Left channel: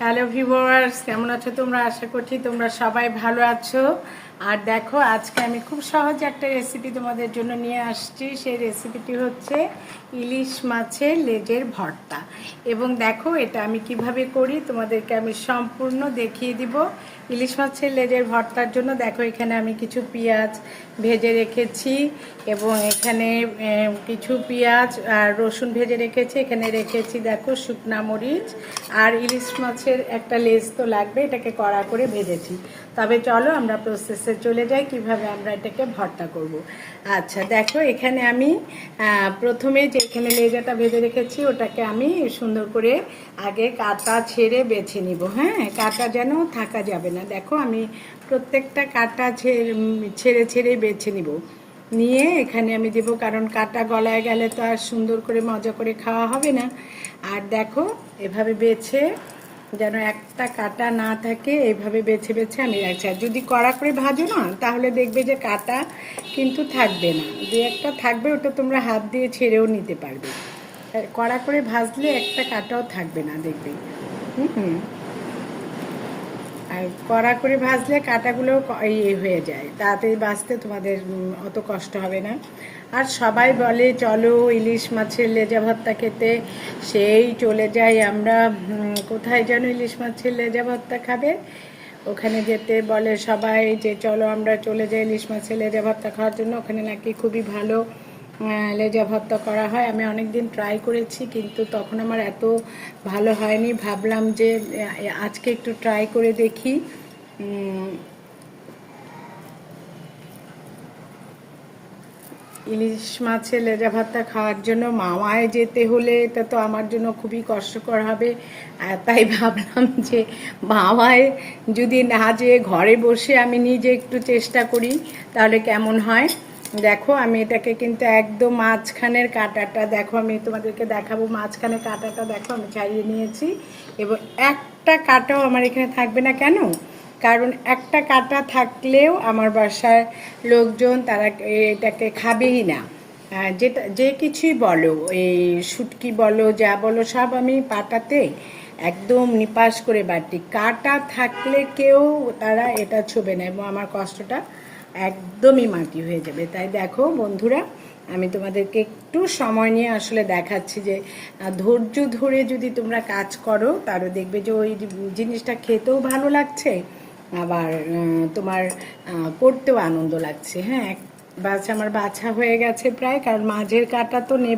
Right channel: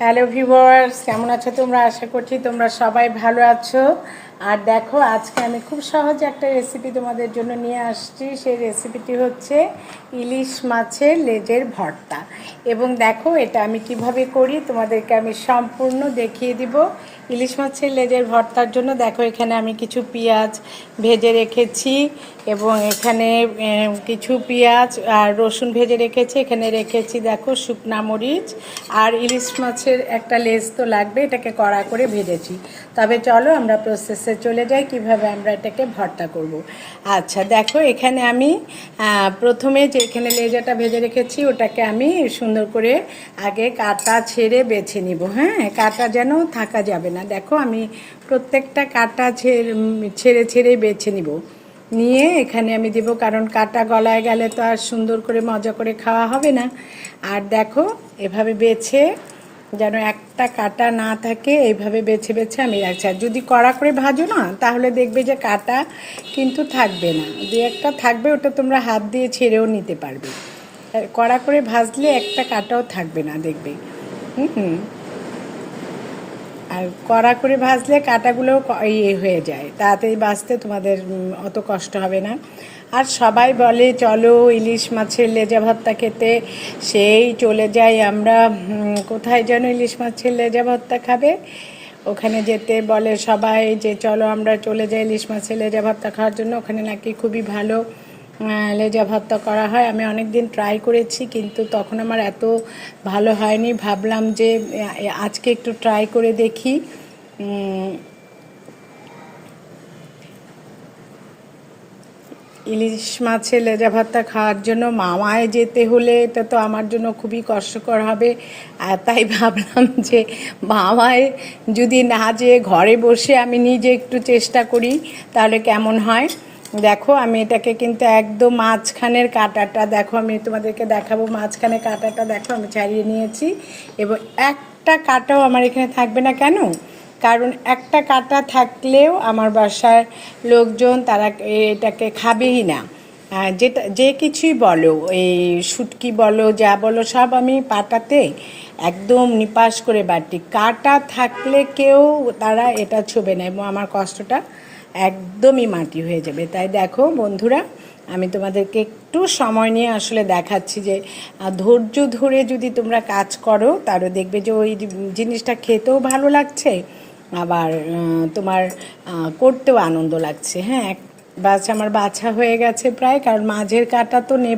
Hello viewers, কেমন আছো তোমরা? আশা করছি তোমরা সবাই ভালো আছো। আর দেখো, আজকে আমি খুব সহজ একটা রেসিপি তোমাদের জন্য নিয়ে আসছি। সেই রেসিপিটি হচ্ছে ইলিশ মাছের লেজের ভর্তা। এবং দেখো, এটা আমি কিভাবে করি তোমাদেরকে আমি সম্পূর্ণ দেখিয়ে দিব। ইলিশ মাছের লেজের ভর্তার জন্য দেখো, এখানে আমি কিছু পেঁয়াজ ভেজে রেখেছি এবং এখানে কিছু পেঁয়াজ আর রসুন ভেজে রেখেছি। এখানে রেখেছি দেখো শুকনা মরিচ আর ইলিশ মাছের একটা লেজ তো লাগবে, এটাকে কড়া করে ভেজেছি। তবে চলো আমরা প্রসেসে চলে যাই কিভাবে আমরা এটাকে ভর্তা করব। আচ্ছা দেখো, এখানে আমি প্রথমে যে এখানে লেজাটা ভেজে রেখেছি ওটাকে আমি সুন্দর করে আগে কাটা ছেড়ে বেছে নিব। হ্যাঁ, কাটা যেন থাকা যাবে না। দেখো, আমি প্রত্যেকটা কাটা ছেড়ে ছেড়ে বেছে নিব। নিয়ে এখানে আমি দেবো, কারণ কাটা গলায় গেলে তো আর সুন্দর করে মজা করে খাওয়া হবে না। আর দেখো, এভাবে বেছে যেন একটা কাটা না থাকে, এইভাবে বেছে বেছে আমি রাখছি। আর যদি কড়া করে ভাজো না, তাহলে দেখবে যে কাটা কিন্তু থাকবে না, দু একটা থাকবে, ওটা তোমরা হাত দিয়ে ছেড়েও নিতে পারবে। কড়া করে ভাজলে একটা কাটাও থাকবে না, দেখবে। আর কড়া করে ভাজলে কাঁটাগুলো ইয়ে হয়ে যায়, তাড়াতাড়ি ভাজতে তোমাদের অত কষ্ট হবে না। আর সবাই বলে চলো ইলিশ মাছের লেজা ভর্তা খেতে, সেই চলে যাই আমরা কোথায় যেন ইলিশ মাছের লেজা ভর্তা খাবে, ওখানে যেতে বলে সবাই যে চলো আমরা চলে যাই ইলিশ মাছের লেজা ভর্তা খাওয়ার জন্য। ওখানে নাকি খুবই ভালো লেজা ভর্তা করা হয়। আমি অনেক দিন ট্রাই করেছি, কিন্তু তখন আমার এত ভালো হয়নি। ভাবলাম যে আজকে একটু ট্রাই করে দেখি। ইলিশ মাছের লেজা ভর্তা খাওয়ার জন্য মামায় যেতে হলে এটা তো আমার জন্য খুবই কষ্টকর হবে। তাই ভাবলাম যে মামায় যদি না যেয়ে ঘরে বসে আমি নিজে একটু চেষ্টা করি, তাহলে কেমন হয়। দেখো, আমি এটাকে কিন্তু একদম মাঝখানের কাঁটাটা দেখো, আমি তোমাদেরকে দেখাবো। মাঝখানে কাঁটাটা দেখো আমি ছাড়িয়ে নিয়েছি, এবং একটা কাঁটাও আমার এখানে থাকবে না। কেন? কারণ একটা কাঁটা থাকলেও আমার বাসার লোকজন তারা এটাকে খাবেই না। যেটা যে কিছুই বলো, এই শুটকি বলো যা বলো, সব আমি পাটাতে একদম নিপাস করে বাটি। কাঁটা থাকলে কেউ তারা এটা ছোবে না, এবং আমার কষ্টটা একদমই মাটি হয়ে যাবে। তাই দেখো বন্ধুরা, আমি তোমাদেরকে একটু সময় নিয়ে আসলে দেখাচ্ছি যে ধৈর্য ধরে যদি তোমরা কাজ করো, তাহলে দেখবে যে ওই জিনিসটা খেতেও ভালো লাগছে, আবার তোমার করতেও আনন্দ লাগছে। হ্যাঁ, আমার বাছা হয়ে গেছে প্রায়, কারণ মাঝের কাটা তো নেব